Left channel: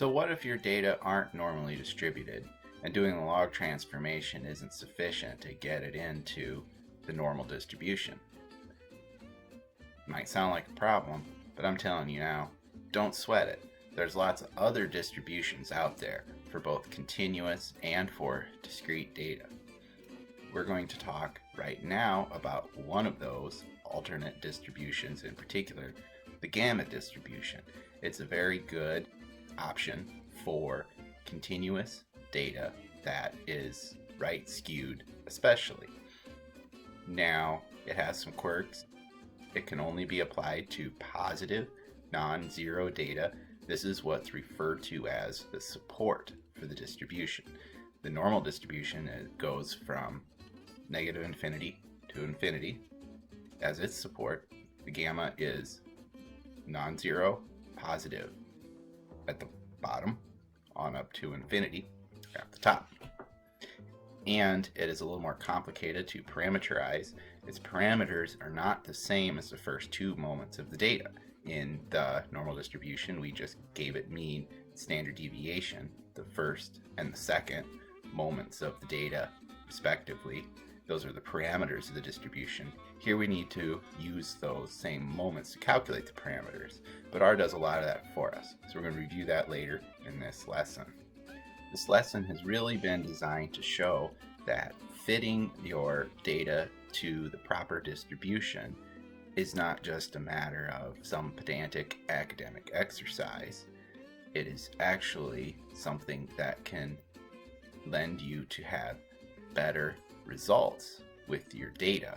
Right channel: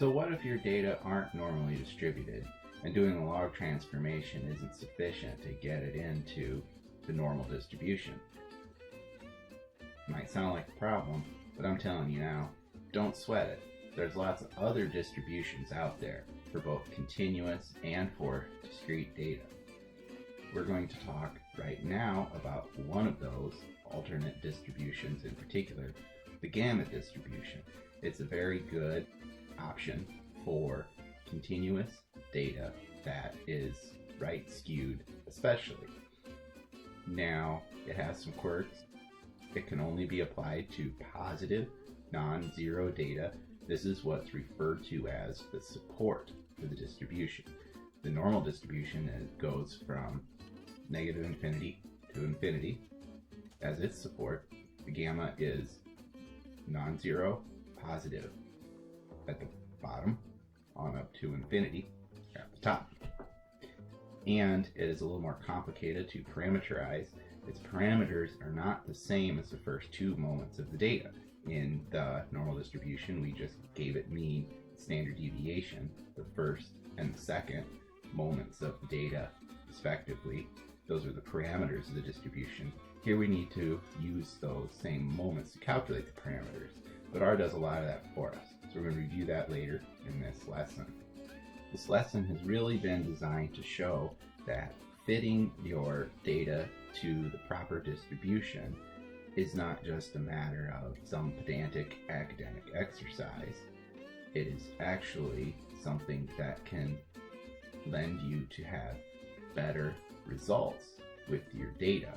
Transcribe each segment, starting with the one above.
So what if your data aren't normally distributed and doing the log transformation isn't sufficient to get it into the normal distribution? Might sound like a problem, but I'm telling you now, don't sweat it. There's lots of other distributions out there for both continuous and for discrete data. We're going to talk right now about one of those alternate distributions, in particular, the gamma distribution. It's a very good option for continuous data that is right skewed especially. Now, it has some quirks. It can only be applied to positive, non-zero data. This is what's referred to as the support for the distribution. The normal distribution goes from negative infinity to infinity as its support. The gamma is non-zero, positive at the bottom on up to infinity at the top. And it is a little more complicated to parameterize. Its parameters are not the same as the first two moments of the data. In the normal distribution, we just gave it mean, standard deviation, the first and the second moments of the data respectively. Those are the parameters of the distribution. Here we need to use those same moments to calculate the parameters, but R does a lot of that for us. So we're going to review that later in this lesson. This lesson has really been designed to show that fitting your data to the proper distribution is not just a matter of some pedantic academic exercise. It is actually something that can lend you to have better results with your data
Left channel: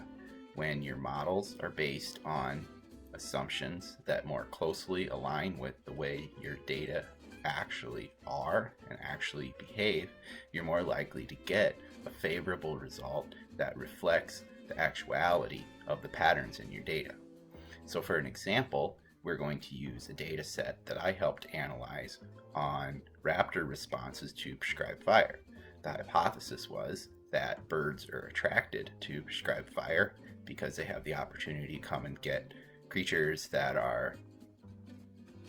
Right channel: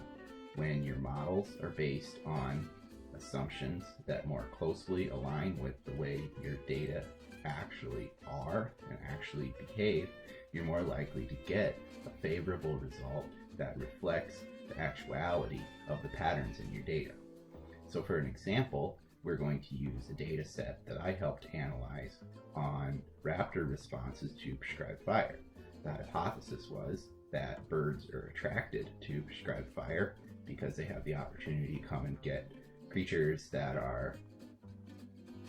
when your models are based on assumptions that more closely align with the way your data actually are and actually behave. You're more likely to get a favorable result that reflects the actuality of the patterns in your data. So for an example, we're going to use a data set that I helped analyze on raptor responses to prescribed fire. The hypothesis was that birds are attracted to prescribed fire because they have the opportunity to come and get creatures that are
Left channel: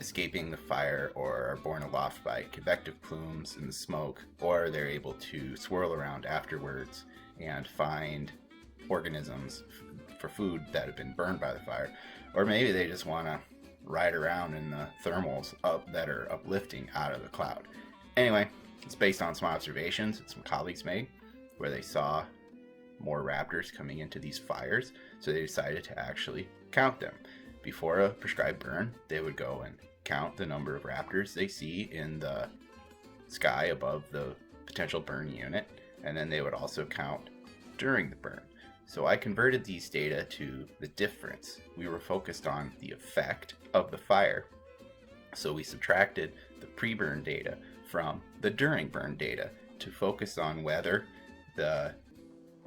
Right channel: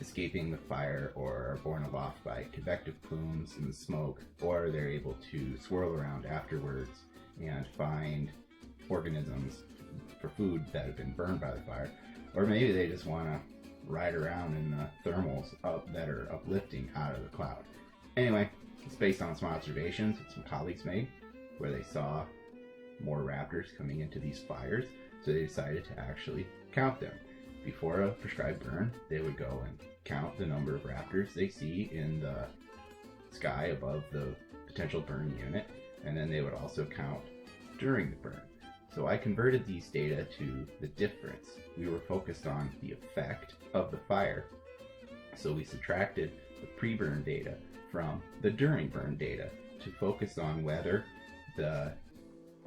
escaping the fire or are borne aloft by convective plumes in the smoke, or they're able to swirl around afterwards and find organisms for food that have been burned by the fire, or maybe they just want to ride around in the thermals that are uplifting out of the cloud. Anyway, it's based on some observations that some colleagues made where they saw more raptors coming into these fires, so they decided to actually count them. Before a prescribed burn, they would go and count the number of raptors they see in the sky above the potential burn unit, and then they would also count during the burn. So I converted these data to the difference. We were focused on the effect of the fire, so we subtracted the pre-burn data from the during burn data to focus on whether the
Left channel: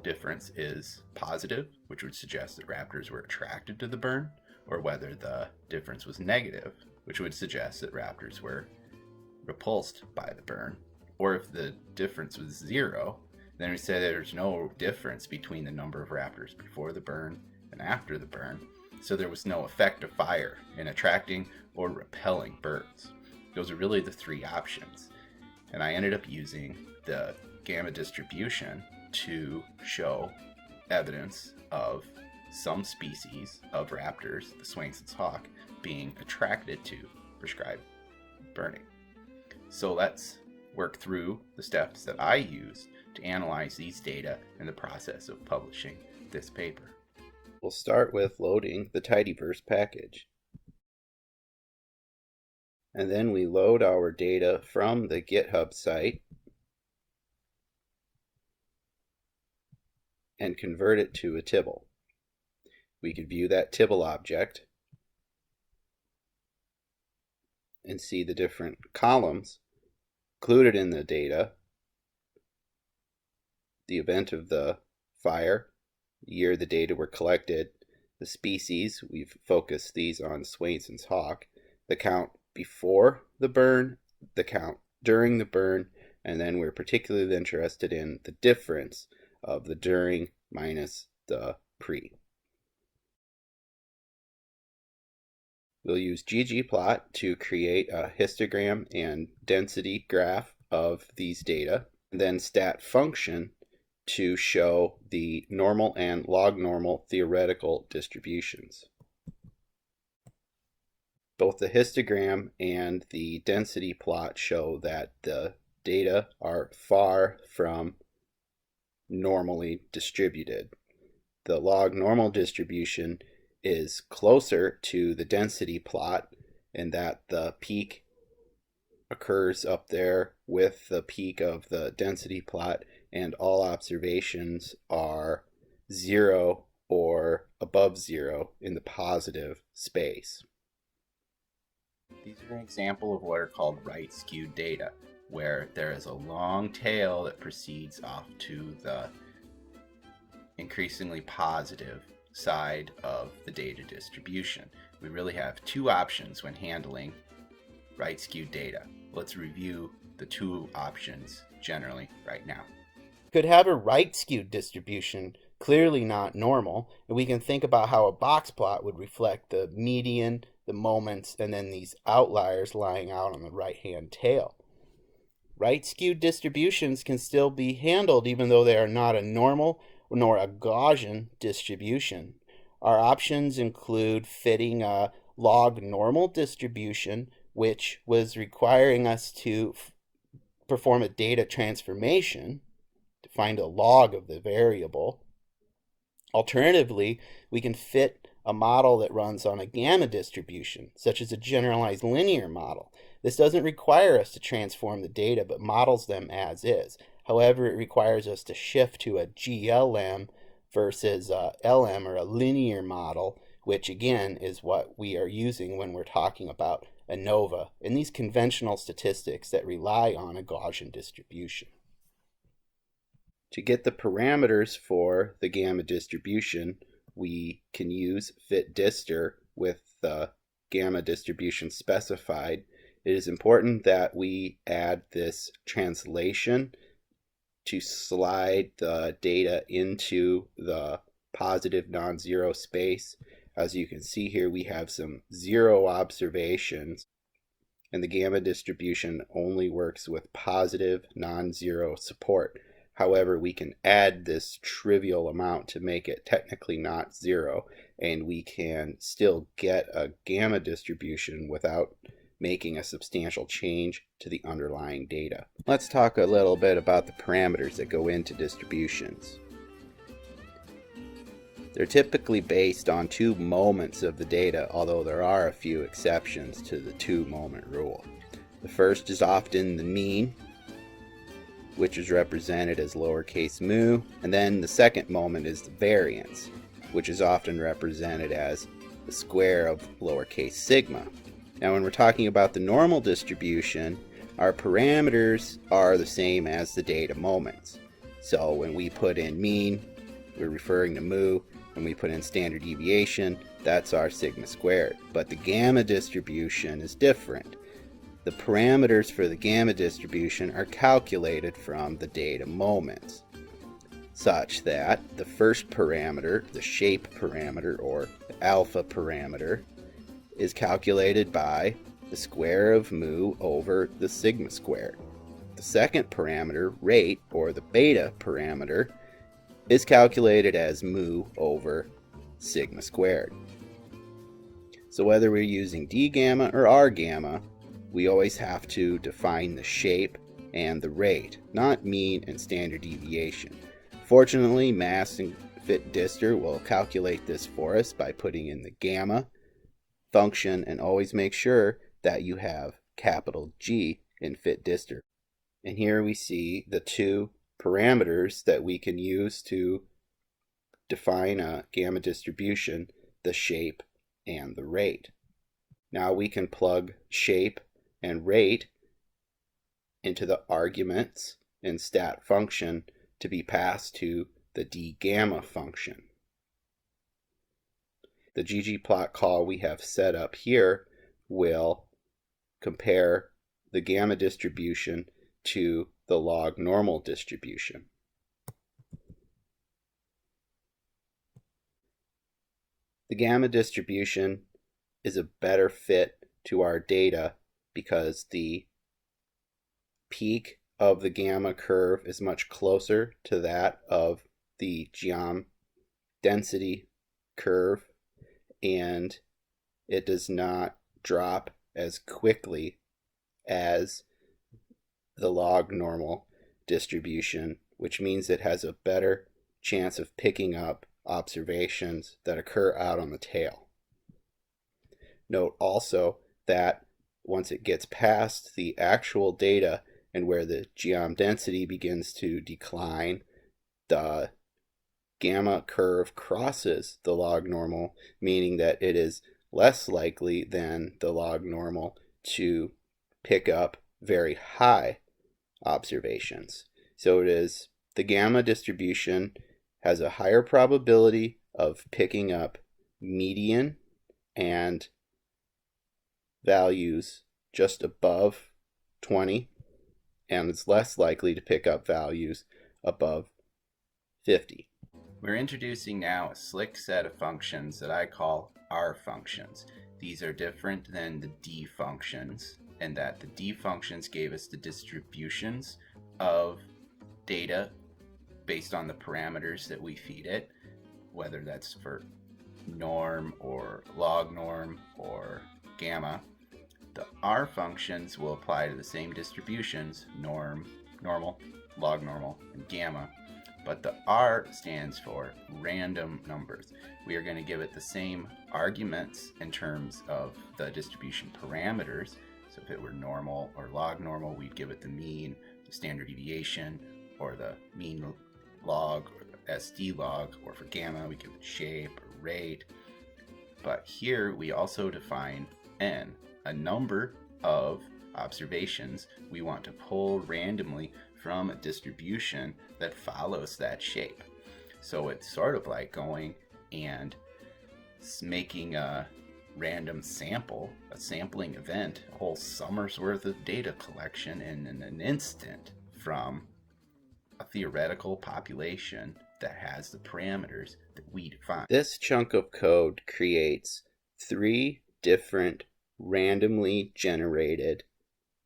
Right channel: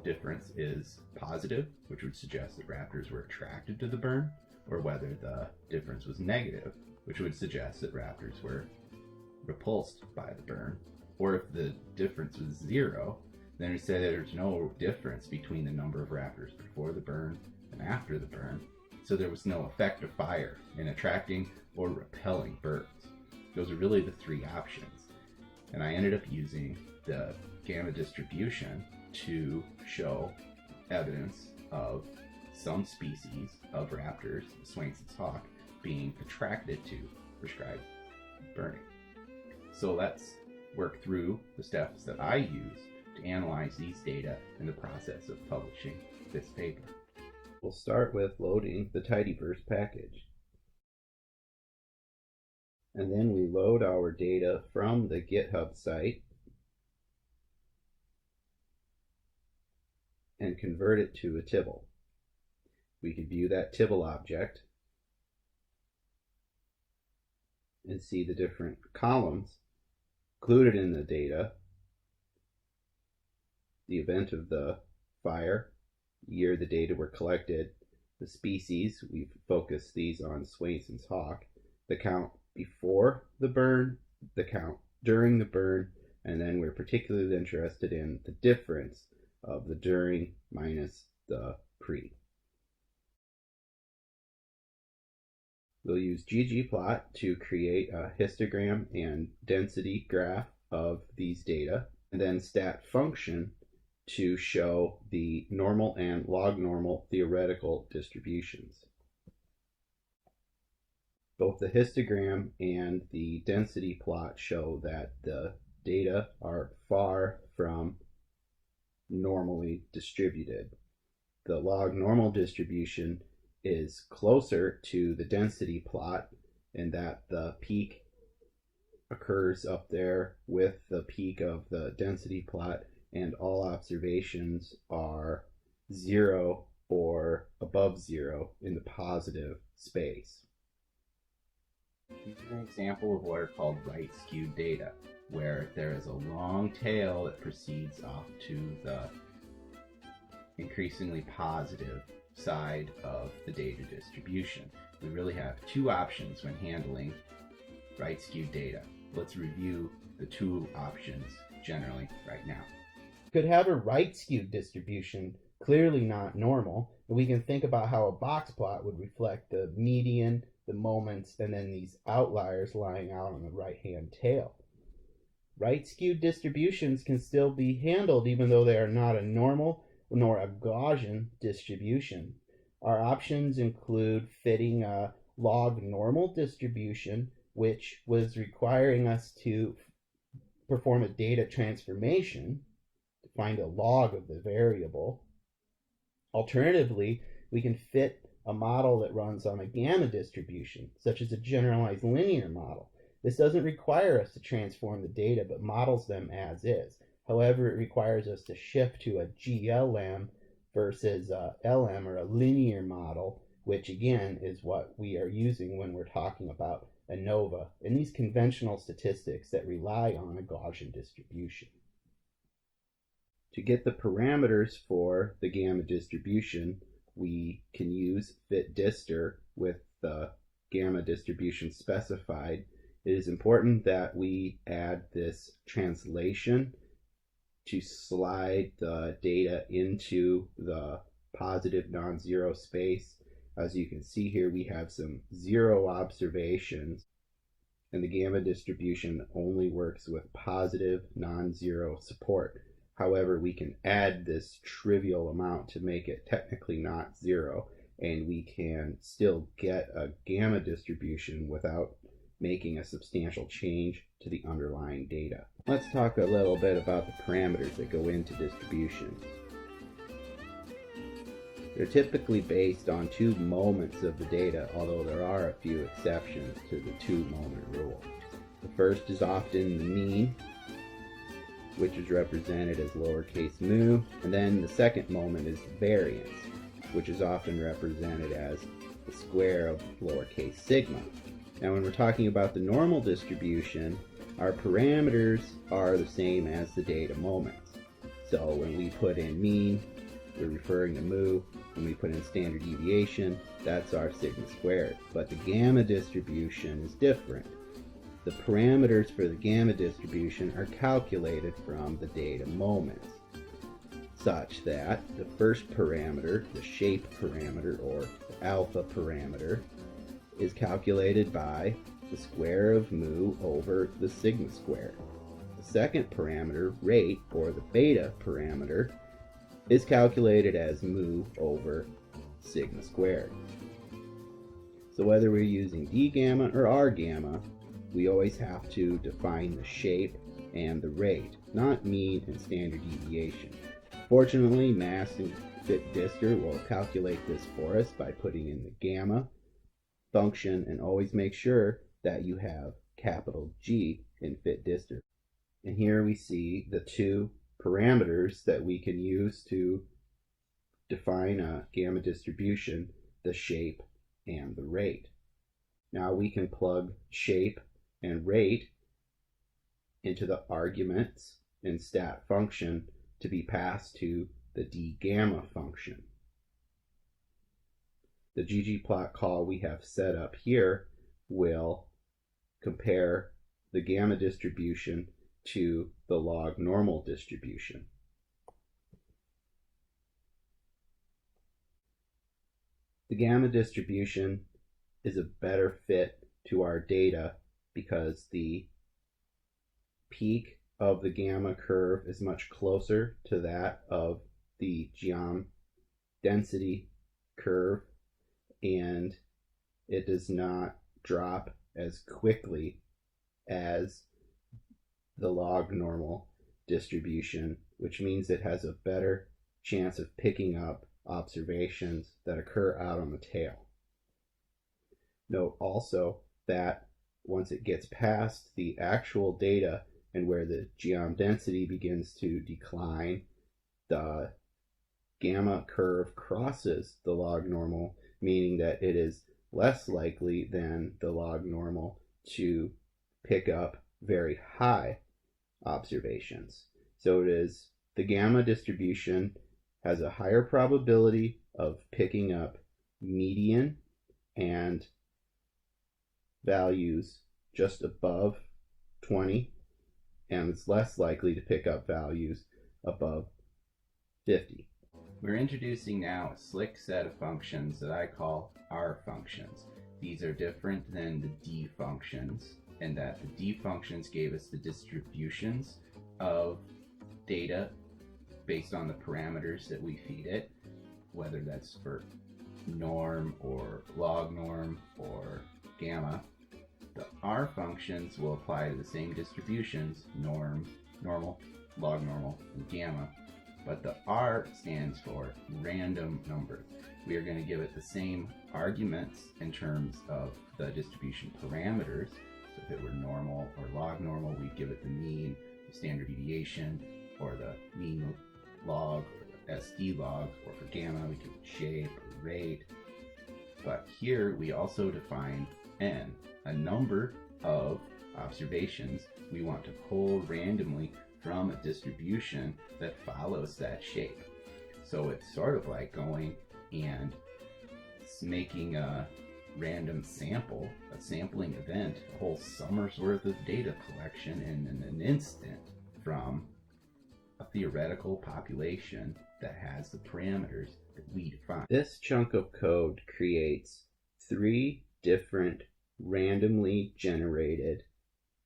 difference is positive, which would suggest that raptors were attracted to the burn, or whether the difference was negative, which would suggest that raptors were repulsed by the burn. Or if the difference was zero, then we say that there's no difference between the number of raptors before the burn and after the burn, so there was no effect of fire in attracting or repelling birds. Those are really the three options. And I ended up using the gamma distribution to show evidence of some species of raptors, the Swainson's hawk, being attracted to prescribed burning. So let's work through the steps that I use to analyze these data in the process of publishing this paper. We'll start with loading the tidyverse package. And then we load our data from the GitHub site and convert it to a tibble. We can view that tibble object and see the different columns included in the data: the event of the fire, the year the data were collected, the species, we've focused these on Swainson's hawk, the count before the burn, the count during the burn, and then we're particularly interested in the difference of the during minus the pre. we'll use ggplot to create a histogram and density graph of these data, and then stat function to show the normal and log normal theoretical distributions. Both the histogram and the density plot show that the data are far from normally distributed. The log normal distribution is closer to the density plot in that the peak occurs up there with the peak of the density plot, and all observations are 0 or above 0 in the positive space. These are an example of what are called right-skewed data, where there is a long tail that proceeds off to the increasingly positive side of the data distribution. We really have two options when handling right-skewed data. Let's review the two options generally right now. Could have a right-skewed distribution, clearly not normal, and we can think about how a box plot would reflect the median, the moments, and then these outliers lying out on the right-hand tail. Right-skewed distributions can still be handled even though they are not a normal nor a Gaussian distribution. Our options include fitting a log normal distribution, which was requiring us to perform a data transformation to find a log of the variable. Alternatively, we can fit a model that runs on a gamma distribution, such as a generalized linear model. This doesn't require us to transform the data, but models them as is. However, it requires us to shift to a GLM versus a LM, or a linear model, which again is what we are using when we're talking about ANOVA and these conventional statistics that rely on a Gaussian distribution. To get the parameters for the gamma distribution, we can use fitDistr with the gamma distribution specified. It is important that we add this translation to slide the data into the positive non-zero space. As you can see here, we have some 0 observations, and the gamma distribution only works with positive non-zero support. However, we can add this trivial amount to make it technically not 0, and we can still get a gamma distribution without making a substantial change to the underlying data. Let's talk a little bit about the parameters that go into distributions. They're typically based on 2 moments of the data, although there are a few exceptions to the 2-moment rule. The first is often the mean, which is represented as lowercase mu, and then the second moment is the variance, which is often represented as the square of lowercase sigma. Now, when we're talking about the normal distribution, our parameters are the same as the data moments. So when we put in mean, we're referring to mu. When we put in standard deviation, that's our sigma squared. But the gamma distribution is different. The parameters for the gamma distribution are calculated from the data moments, such that the first parameter, the shape parameter, or the alpha parameter, is calculated by the square of mu over the sigma squared. The second parameter, rate, or the beta parameter, is calculated as mu over sigma squared. So whether we're using d gamma or r gamma, we always have to define the shape and the rate, not mean and standard deviation. Fortunately, MAS and fitDistr will calculate this for us by putting in the gamma function, and always make sure that you have capital G in fitDistr. And here we see the 2 parameters that we can use to define a gamma distribution, the shape and the rate. Now we can plug shape and rate into the arguments in stat function to be passed to the d gamma function. The ggplot call we have set up here will compare the gamma distribution to the log normal distribution. The gamma distribution is a better fit to our data because the peak of the gamma curve is much closer to that of the geom density curve, and it does not drop as quickly as the log normal distribution, which means it has a better chance of picking up observations that occur out on the tail. Note also that once it gets past the actual data and where the geom density begins to decline, the gamma curve crosses the log normal, meaning that it is less likely than the log normal to pick up very high observations. So it is the gamma distribution has a higher probability of picking up median and values just above 20, and it's less likely to pick up values above 50. We're introducing now a slick set of functions that I call R functions. These are different than the D functions, in that the D functions gave us the distributions of data based on the parameters that we feed it, whether that's for norm or log norm or gamma. The R functions will apply to the same distributions, norm, normal, log normal, and gamma, but the R stands for random numbers. We are going to give it the same arguments in terms of the distribution parameters. So if it were normal or log normal, we'd give it the mean, the standard deviation, or the mean log, or SD log, or for gamma, we give it shape or rate. But here we also define n, a number of observations we want to pull randomly from a distribution that follows that shape. So it's sort of like going and making a random sample, a sampling event, a whole summer's worth of data collection in an instant from a theoretical population that has the parameters that we define. This chunk of code creates 3 different randomly generated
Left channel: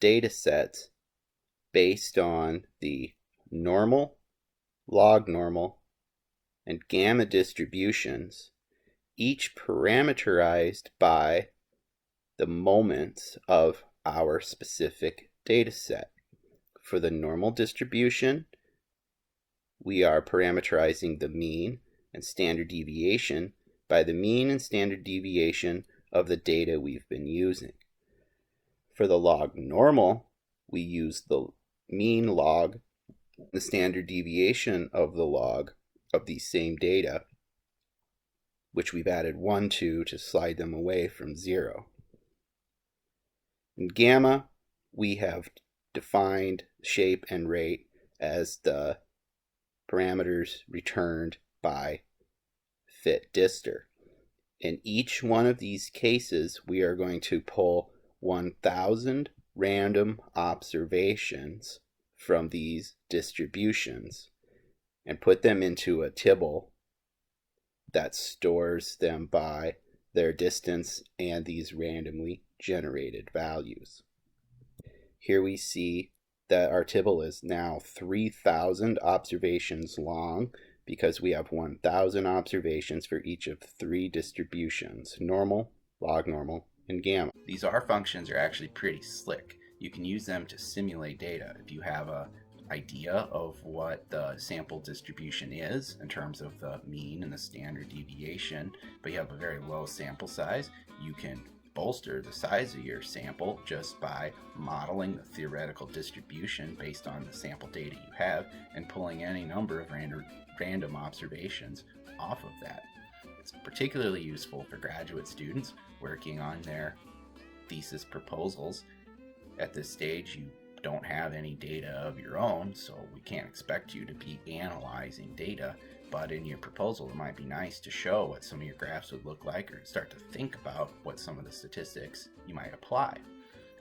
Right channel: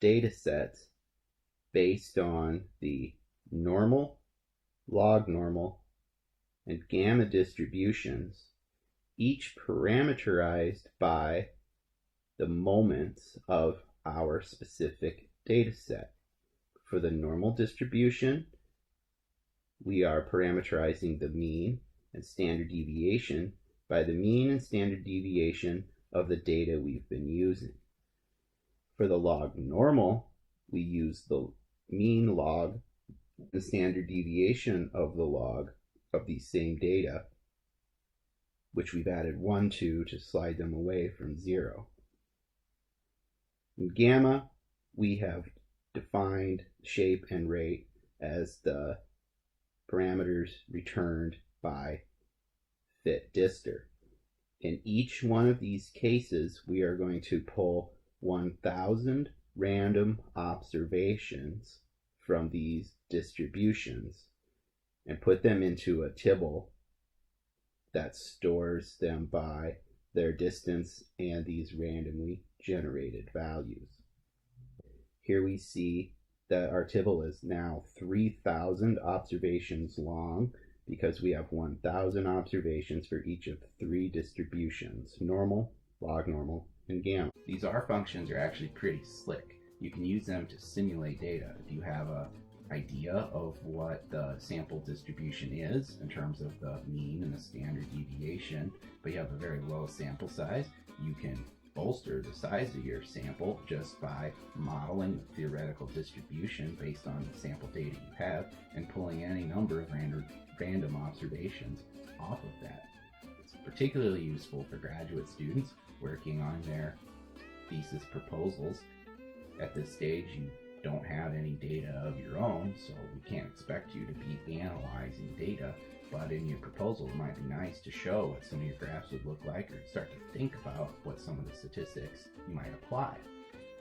data sets based on the normal, log normal, and gamma distributions, each parameterized by the moments of our specific data set. For the normal distribution, we are parameterizing the mean and standard deviation by the mean and standard deviation of the data we've been using. For the log normal, we use the mean log, the standard deviation of the log of these same data, which we've added 1 to slide them away from 0. In gamma, we have defined shape and rate as the parameters returned by fitDister. In each one of these cases, we are going to pull 1,000 random observations from these distributions and put them into a tibble that stores them by their distance and these randomly generated values. Here we see that our tibble is now 3,000 observations long because we have 1,000 observations for each of 3 distributions, normal, log normal, and gamma. These R functions are actually pretty slick. You can use them to simulate data. If you have an idea of what the sample distribution is in terms of the mean and the standard deviation, but you have a very low sample size, you can bolster the size of your sample just by modeling the theoretical distribution based on the sample data you have and pulling any number of random observations off of that. It's particularly useful for graduate students working on their thesis proposals. At this stage, you don't have any data of your own, so we can't expect you to be analyzing data, but in your proposal it might be nice to show what some of your graphs would look like, or start to think about what some of the statistics you might apply.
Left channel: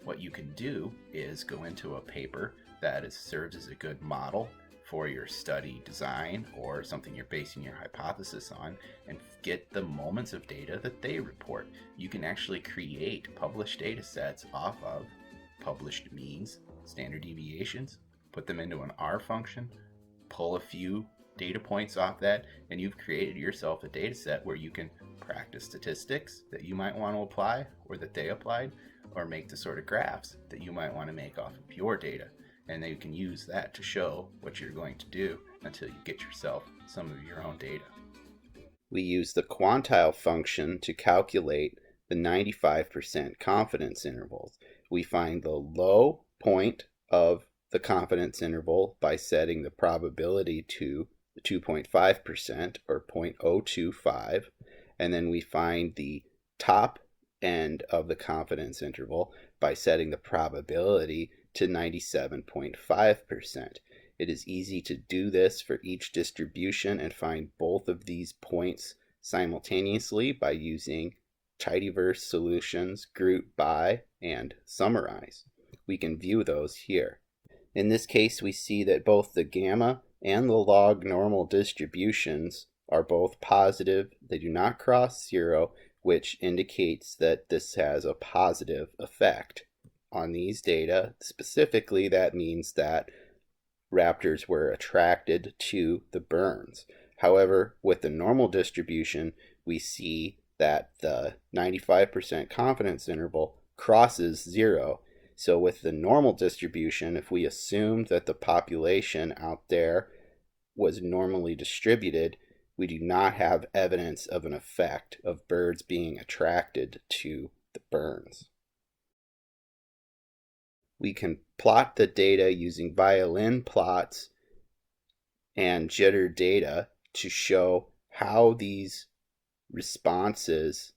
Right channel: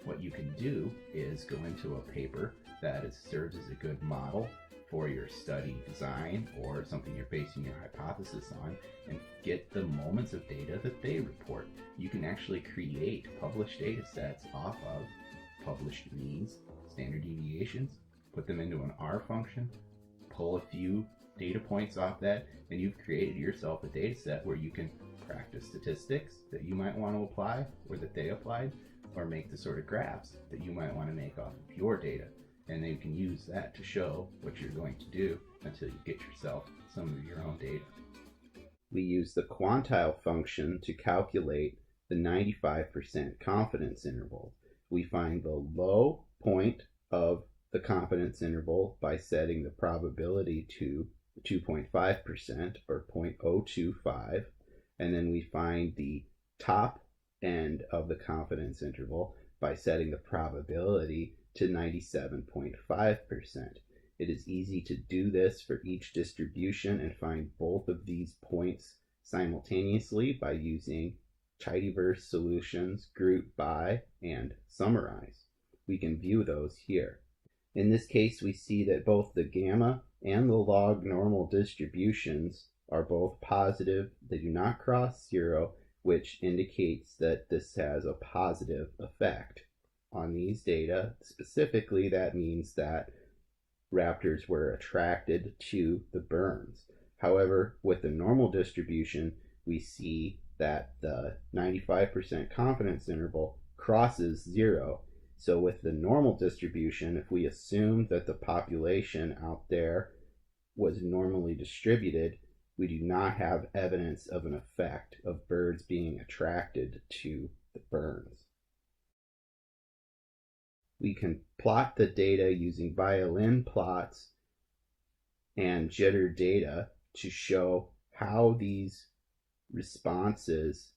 What you can do is go into a paper that serves as a good model for your study design or something you're basing your hypothesis on, and get the moments of data that they report. You can actually create published data sets off of published means, standard deviations, put them into an R function, pull a few data points off that, and you've created yourself a data set where you can practice statistics that you might want to apply or that they applied, or make the sort of graphs that you might want to make off of your data. And then you can use that to show what you're going to do until you get yourself some of your own data. We use the quantile function to calculate the 95% confidence intervals. We find the low point of the confidence interval by setting the probability to 2.5% or 0.025, and then we find the top end of the confidence interval by setting the probability to 97.5%. It is easy to do this for each distribution and find both of these points simultaneously by using tidyverse solutions, group by, and summarize. We can view those here. In this case, we see that both the gamma and the log normal distributions are both positive. They do not cross zero, which indicates that this has a positive effect on these data. Specifically, that means that raptors were attracted to the burns. However, with the normal distribution, we see that the 95% confidence interval crosses zero. So with the normal distribution, if we assumed that the population out there was normally distributed, we do not have evidence of an effect of birds being attracted to the burns. We can plot the data using violin plots and jitter data to show how these responses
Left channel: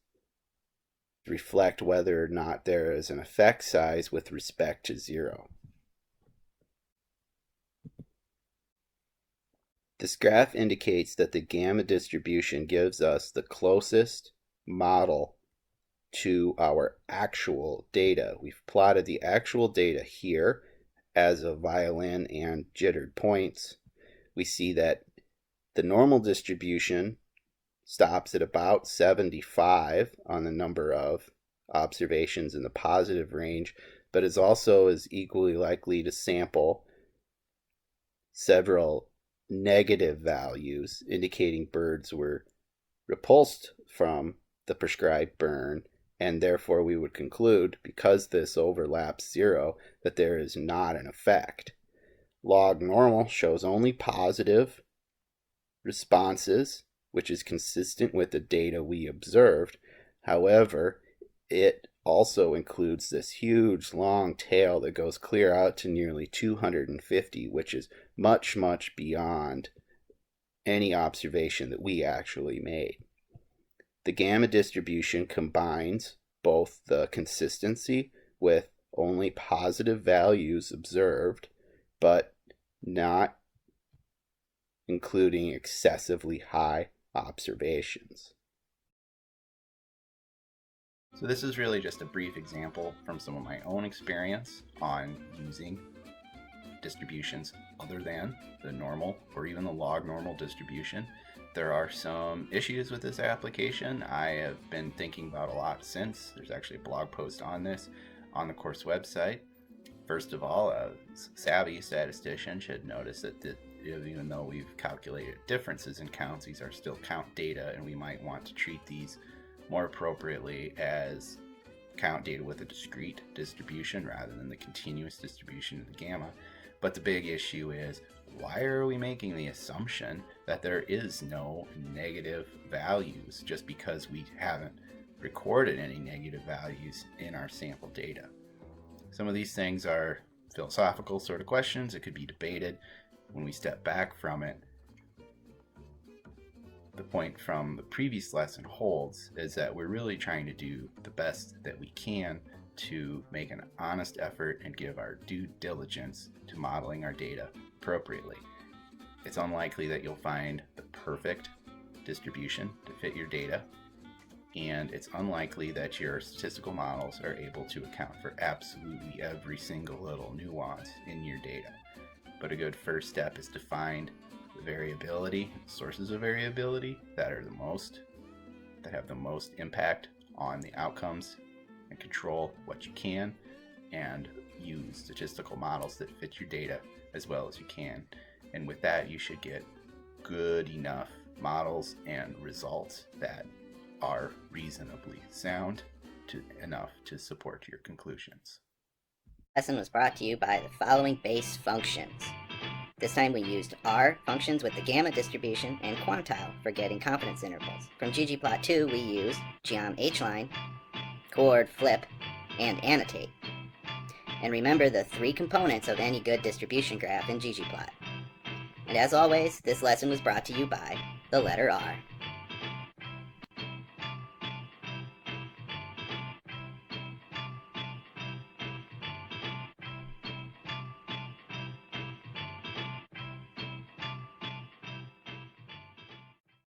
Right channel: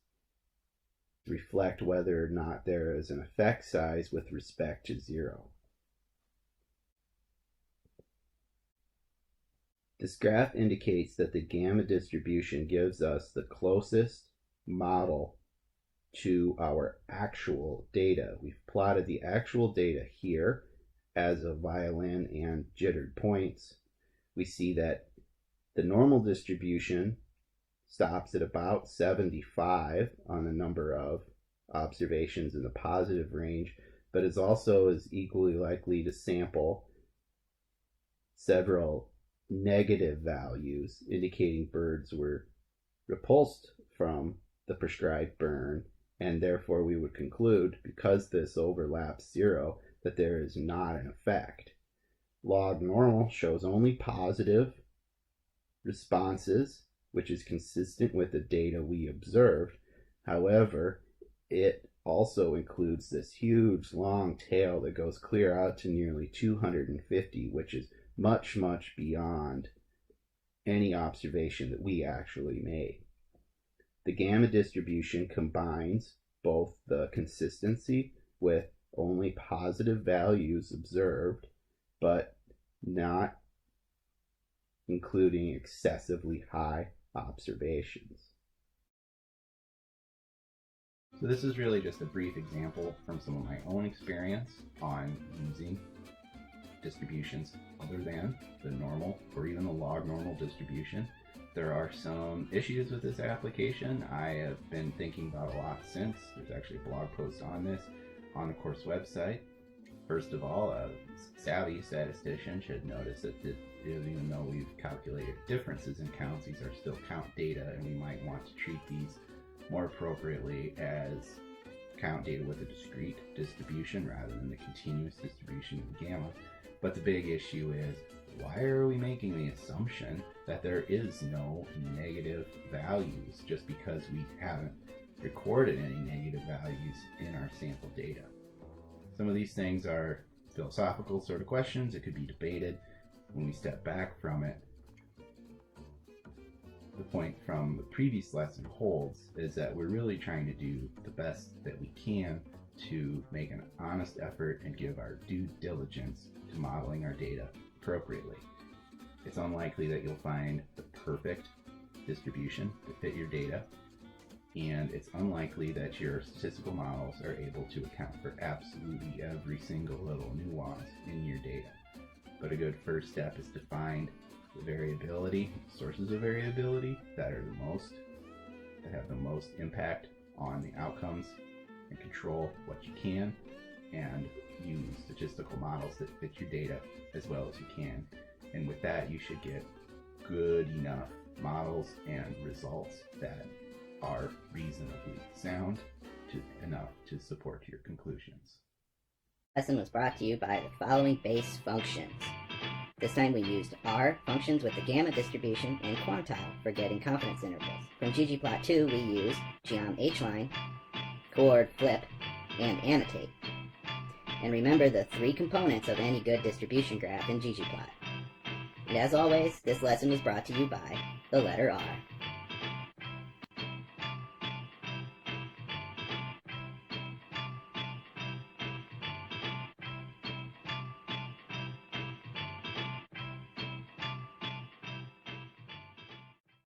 reflect whether or not there is an effect size with respect to zero. This graph indicates that the gamma distribution gives us the closest model to our actual data. We've plotted the actual data here as a violin and jittered points. We see that the normal distribution stops at about 75 on the number of observations in the positive range, but is also equally likely to sample several negative values, indicating birds were repulsed from the prescribed burn, and therefore we would conclude, because this overlaps zero, that there is not an effect. Log normal shows only positive responses, which is consistent with the data we observed. However, it also includes this huge long tail that goes clear out to nearly 250, which is much, much beyond any observation that we actually made. The gamma distribution combines both the consistency with only positive values observed, but not including excessively high observations. So this is really just a brief example from some of my own experience on using distributions other than the normal or even the log normal distribution. There are some issues with this application I have been thinking about a lot since. There's actually a blog post on this on the course website. First of all, a savvy statistician should notice that even though we've calculated differences in counts, these are still count data, and we might want to treat these more appropriately as count data with a discrete distribution rather than the continuous distribution of the gamma. But the big issue is, why are we making the assumption that there is no negative values just because we haven't recorded any negative values in our sample data? Some of these things are philosophical sort of questions that could be debated. When we step back from it, the point from the previous lesson holds is that we're really trying to do the best that we can to make an honest effort and give our due diligence to modeling our data appropriately. It's unlikely that you'll find the perfect distribution to fit your data, and it's unlikely that your statistical models are able to account for absolutely every single little nuance in your data. But a good first step is to find the variability, sources of variability that are the most that have the most impact on the outcomes and control what you can, and use statistical models that fit your data as well as you can. And with that, you should get good enough models and results that are reasonably sound enough to support your conclusions. Lesson was brought to you by the following base functions. This time we used R functions with the gamma distribution and quantile for getting confidence intervals. From ggplot2 we used geom hline, chord, flip, and annotate. And remember the 3 components of any good distribution graph in ggplot. And as always, this lesson was brought to you by the letter R.